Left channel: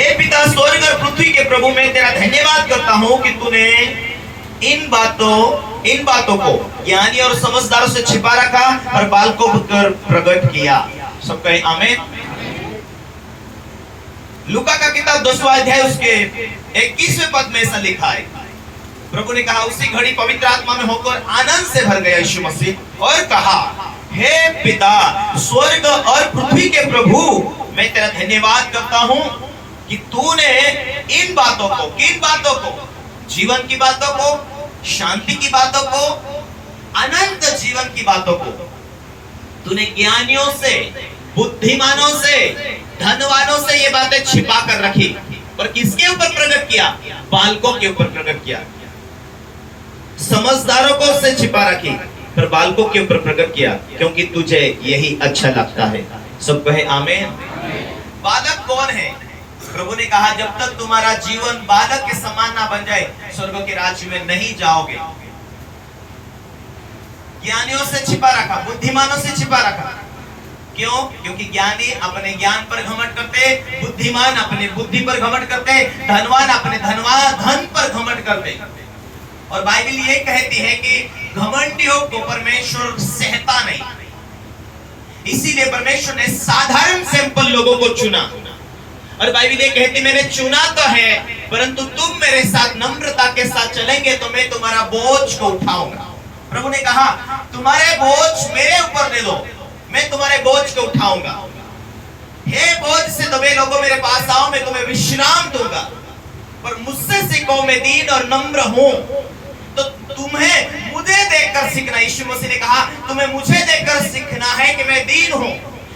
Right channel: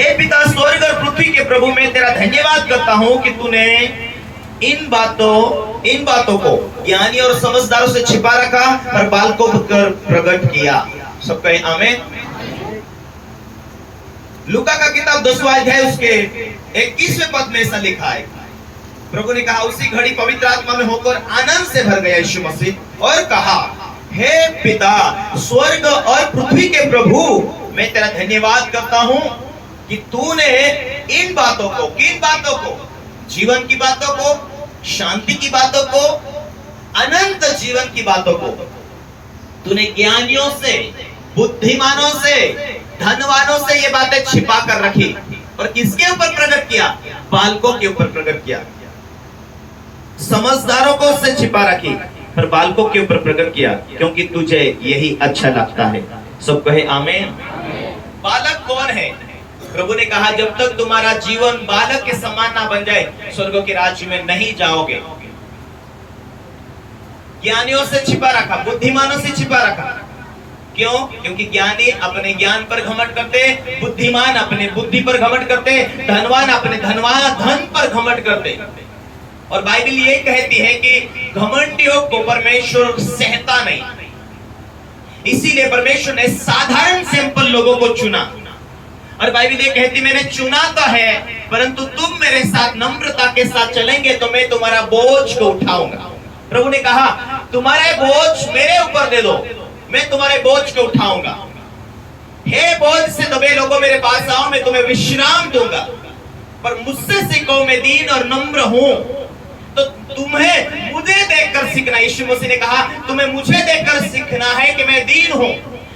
हे पिता स्वर्ग और पृथ्वी के प्रभु, मैं तेरा धन्यवाद करता हूं कि तूने इन बातों को ज्ञानी और समझदारों से छिपा रखा और बालकों पर प्रकट किया। सब कहें आमीन। लूका का किताब 10वां अध्याय उसके 21वें पद में ऐसा लिखा है, प्रभु ने कहा, उसी घड़ी पवित्र आत्मा में होकर आनंद से भर गया यीशु मसीह और कहा, हे पिता स्वर्ग और पृथ्वी के प्रभु, मैं तेरा धन्यवाद करता हूं कि तूने इन बातों को, किन बातों को, जीवन की बातों को, शांति की बातों को, अनंत जीवन की बातों को तूने ज्ञानियों से, बुद्धिमानों से, धनवानों से ये बातें छिपा कर रखी और किसके ऊपर प्रकट किया? बालकों के ऊपर प्रकट किया। समझदारों को से छिपा रखी पर बालकों के ऊपर प्रकट किया, क्योंकि तुझे यही अच्छा लगता है। सब कहे आमीन। बालक कौन है? प्रभु ने कहा, जब तक तुम्हारा जीवन बालक के समान ना बन जाए, स्वर्ग के राज्य में नहीं जाओगे। ज्ञानियों से छिपा रखा, बुद्धिमानों से छिपा रखा। क्यों? क्योंकि ज्ञानी अपने ज्ञान पर घमंड करते, बुद्धिमान अपने बुद्धि पर घमंड करते, धनवान अपने धन पर घमंड करते। और बाइबल ये कहती है कि घमंडियों को परमेश्वर सहता नहीं, इसीलिए परमेश्वर ने साधारण सिंपल लोगों को चुना। और बाइबल ये कहती, मैंने चुना तो है, परंतु तुम मेरे साथ नम्रता के साथ चलेंगे तो मैं तुम्हारा बोझ को उठाऊंगा। प्रभु ने कहा, तुम्हारे बोझ मेरे ऊपर दे दो, मैं तुम्हारे बोझ को उठाऊंगा। हे बोझ से दबे लोगों, मेरे पास आओ, मैं तुम्हें विश्राम दूंगा। पर मुझसे सीखो, मैं दीन और नम्र हूं। तो तुम्हें मुझे देखकर सीखना। यीशु मसीह ने कहा, तुम्हें मुझे देखकर सीखना है कि मैं दीन हूं।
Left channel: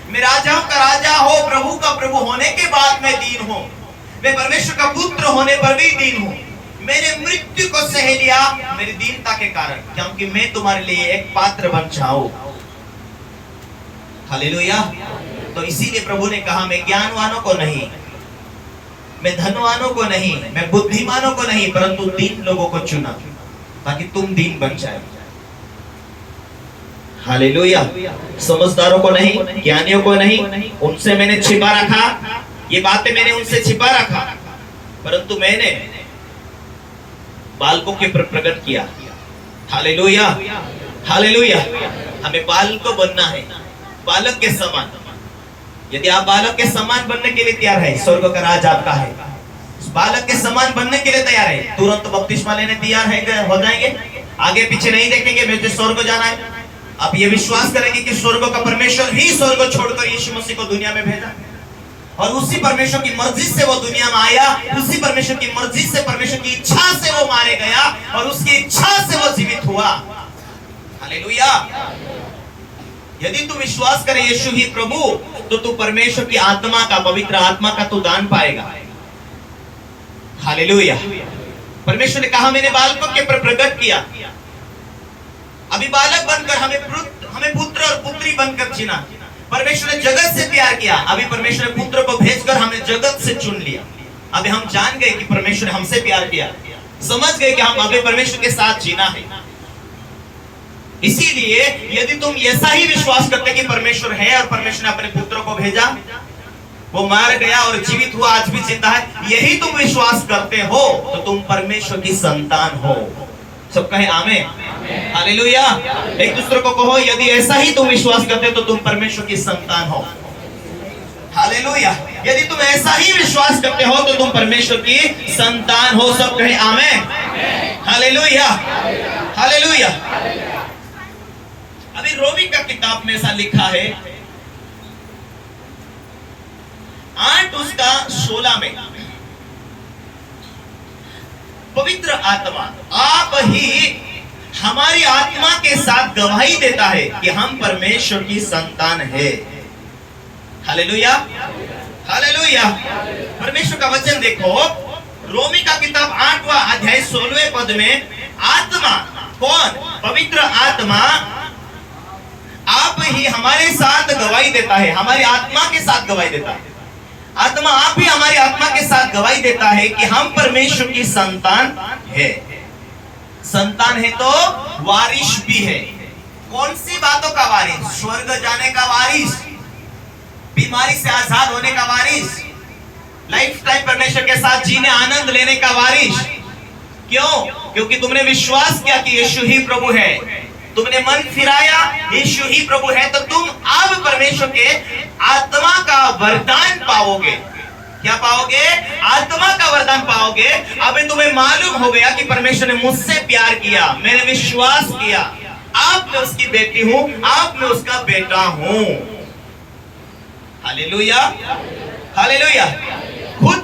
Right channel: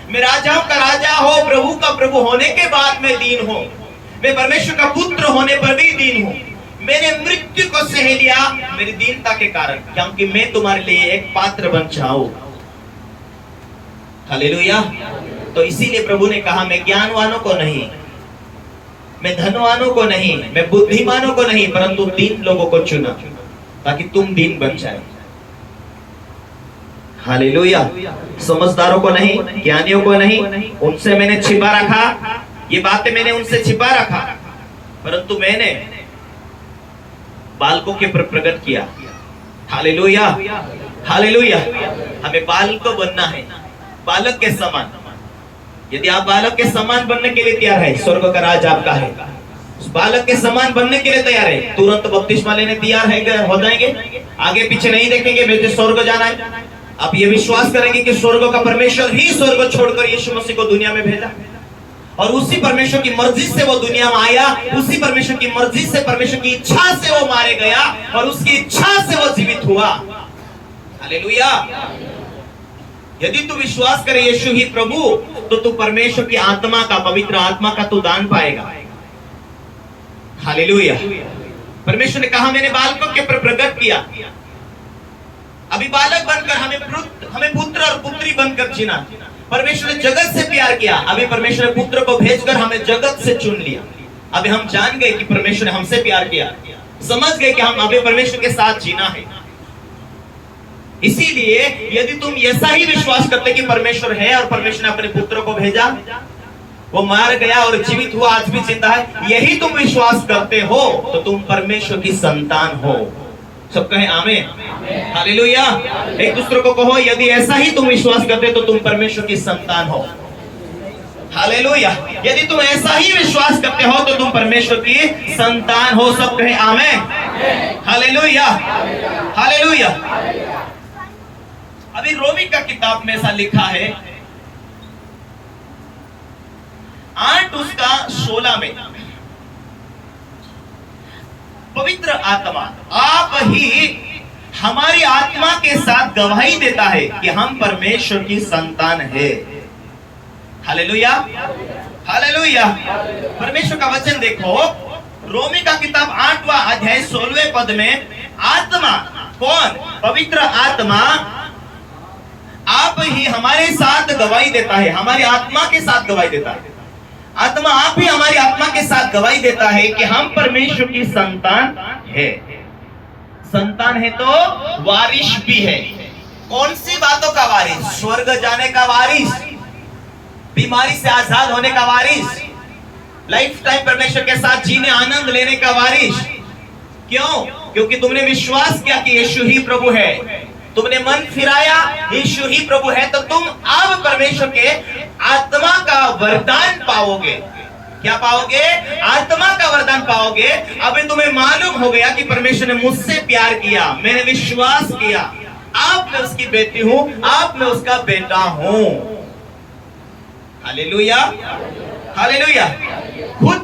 मैं राजाओं का राजा हो, प्रभु का प्रभु होने के बाद मैं दीन हूं। मैं परमेश्वर का पुत्र होने पर भी दीन हूं। मैंने मृत्यु को सह लिया मेरी दीनता के कारण, क्योंकि मैं तुम्हारे लिए एक पात्र बन जाऊं। हालेलुया। तो इसीलिए प्रभु ने कहा, मैं ज्ञानवानों को नहीं, मैं धनवानों को नहीं, मैं बुद्धिमानों को नहीं, परंतु दीन लोगों को चुना ताकि तुम दीन बन जाए। हालेलुया। समझदारों को नहीं, ज्ञानियों को नहीं, उनसे मैंने छिपा रखा, ये बातें मैंने उनसे छिपा रखा, परंतु मैंने बालकों के प्रकट किया। Hallelujah, hallelujah. हमें बालक बनना है, बालक के समान। यदि आप बालक के समान बनने के लिए तैयार है, स्वर्ग का राज आपका है। बालक के समान बनने के लिए तैयार है, तुरंत बपतिस्मा लेने तैयार है, हो जाएंगे, आगे पीछे नहीं देखेंगे, मुझे स्वर्ग जाना है। आप ये विश्वास करेंगे कि स्वर्ग का परमेश्वर ही स्वर्ग छोड़कर यीशु मसीह को दुनिया में भेजा, और उसी परमेश्वर की मर्जी से वो दुनिया में आया, उसी परमेश्वर की मर्जी से, परमेश्वर की इच्छा से वो मारे गया, और उसकी इच्छा से वो जीवित हुआ। हालेलुया। यदि तू विश्वास करे यीशु ही प्रभु, तो तू परमेश्वर की आत्मा का, पवित्र आत्मा का तू दान पाएगा। हालेलुया। परमेश्वर ने कहा, मैंने बालकों के प्रकट किया। अभी बालक बनकर हमें पुत्र और पुत्री बनकर जीना। परमेश्वर ने जगत से प्यार किया, अभी परमेश्वर ने पुत्र को भेजकर हमें जगत से चुन लिया। अभी हम जान गए कि परमेश्वर ने हमसे प्यार किया, समझ गए कि हम अभी परमेश्वर के साथ जीना है। इसीलिए यदि तुम ऐसा ही विश्वास करते कि परमेश्वर है और परमेश्वर ने अपने पुत्र को भेजा, वो मार गया और जीवित हुआ, आज भी जिंदा है, यही तुम विश्वास करते हो, तो तुम परमेश्वर की संतान हो। सब कहें आमीन। हालेलुया। एक दूसरे को कहो, यदि ऐसा ही तुम विश्वास करते तो तुम परमेश्वर की संतान हो। हालेलुया। यदि तुम ऐसा ही विश्वास करते हो तो तुम परमेश्वर की संतान हो। सब कहें आमीन। Hallelujah, hallelujah. अभी रोमी का किताब में ऐसा लिखा है 8:16 में, पवित्र आत्मा आप ही हमारी आत्मा के साथ गवाही देता है कि हम परमेश्वर की संतान है। Hallelujah, hallelujah. परमेश्वर का वचन देखो, रोमी का किताब 8वां अध्याय 16वें पद में, आत्मा कौन? पवित्र आत्मा आप ही हमारे साथ गवाही देता है, हमारी आत्मा के साथ गवाही देता है। आत्मा आप ही हमारी आत्मा के साथ गवाही देता है कि हम परमेश्वर की संतान है। संतान है तो वारिस भी है। कौन सी बातों का वारिस? स्वर्ग जाने का वारिस, बीमारी से आजाद होने का वारिस, लाइफ टाइम परमेश्वर के साथ जीने, आनंद लेने का वारिस। क्यों? क्योंकि तुमने विश्वास किया कि यीशु ही प्रभु है, तुमने मन फिराया यीशु ही प्रभु है, तो तुम अब परमेश्वर के आत्मा का वरदान पाओगे। क्या पाओगे? आत्मा का वरदान पाओगे। अभी तुम्हें मालूम हो गया कि परमेश्वर ने मुझसे प्यार किया, मैंने विश्वास किया, आप मैं उसकी बेटी हूं, आप मैं उसका बेटा हूं। Hallelujah, hallelujah. खुद